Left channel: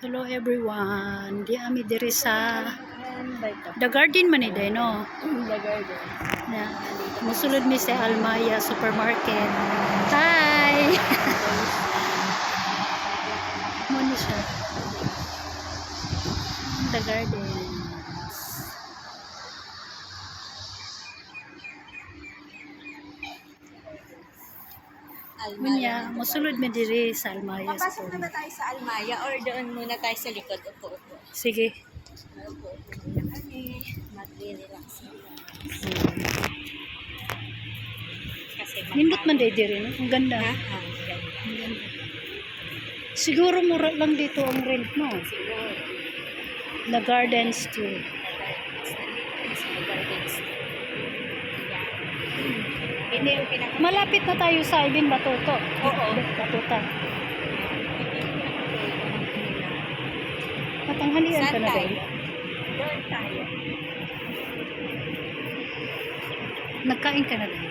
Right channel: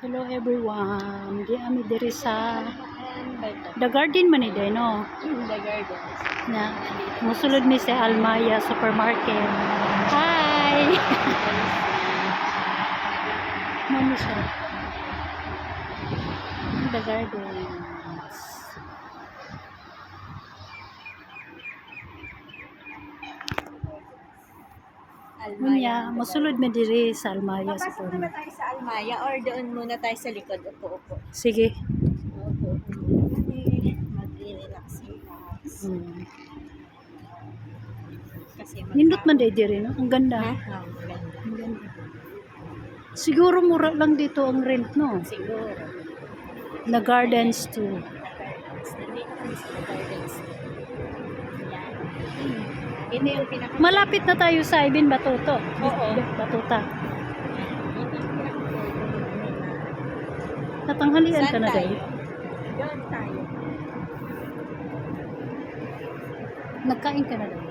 Hello everyone. Di ami diri sa The Garden man ni day no. The Garden. Na musulod mi sa Almaya Supermarket. Hi. Mo ni siya. The Garden. Munya, musulod mi diri sa Almaya Papasok na ba Supermarket. tayo sa Almaya or doon muna tayo sa likod? Upo-upo. Sige. Upo-upo muna kasi mag-relax. Hmm. Kasi Nindot man day diri no. Ang ganda. Ha? Ang ganda. Siguro mura lang dito ang rent no. Siguro. The Gardens too. Nandito kami sa The Gardens. Hindi yung pinaka... Malapit na tayo sa Ibin Batuto. Oo. Batuta. Natanghalian ka na Saan daw. tayo? Doon tayo. Nagkain ka na daw.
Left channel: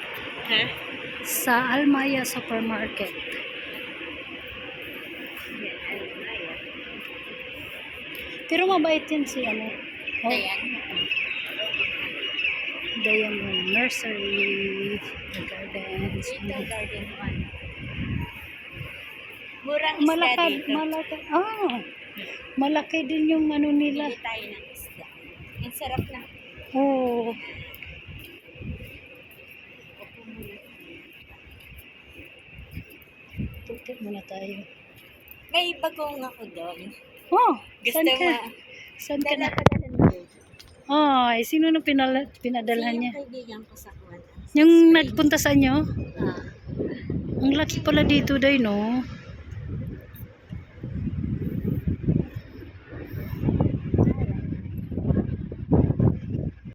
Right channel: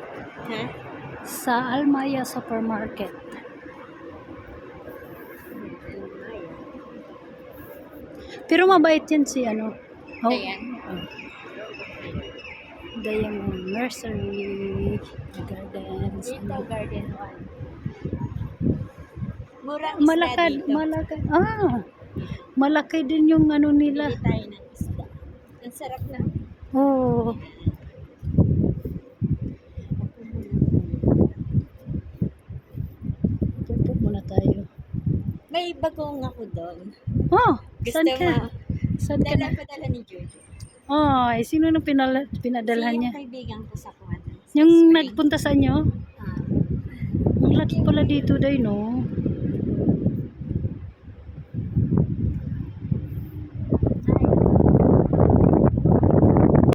Ha? Sa Almaya Supermarket. Almaya. Pero mabait yan si ano. Oh, Ayan. Diamond Nursery. The Gardens. Little Garden 1. Murang Malakad. isda dito. Malakad. Ah. Malaki din yung ano nila. Bili tayo ng isda. Ang sarap na. Oh. Ticket muna tayo. May bagong ako doon. Oh. Gusto Saan ka? mo? Saan ka na? Padala ni Jojo. Ay, sino nang pinadalhan niya? Yung kaibigan ko sa Kuwatan. Yung nagpunta sa inyo? Ah. Ang laki pala dito day, no?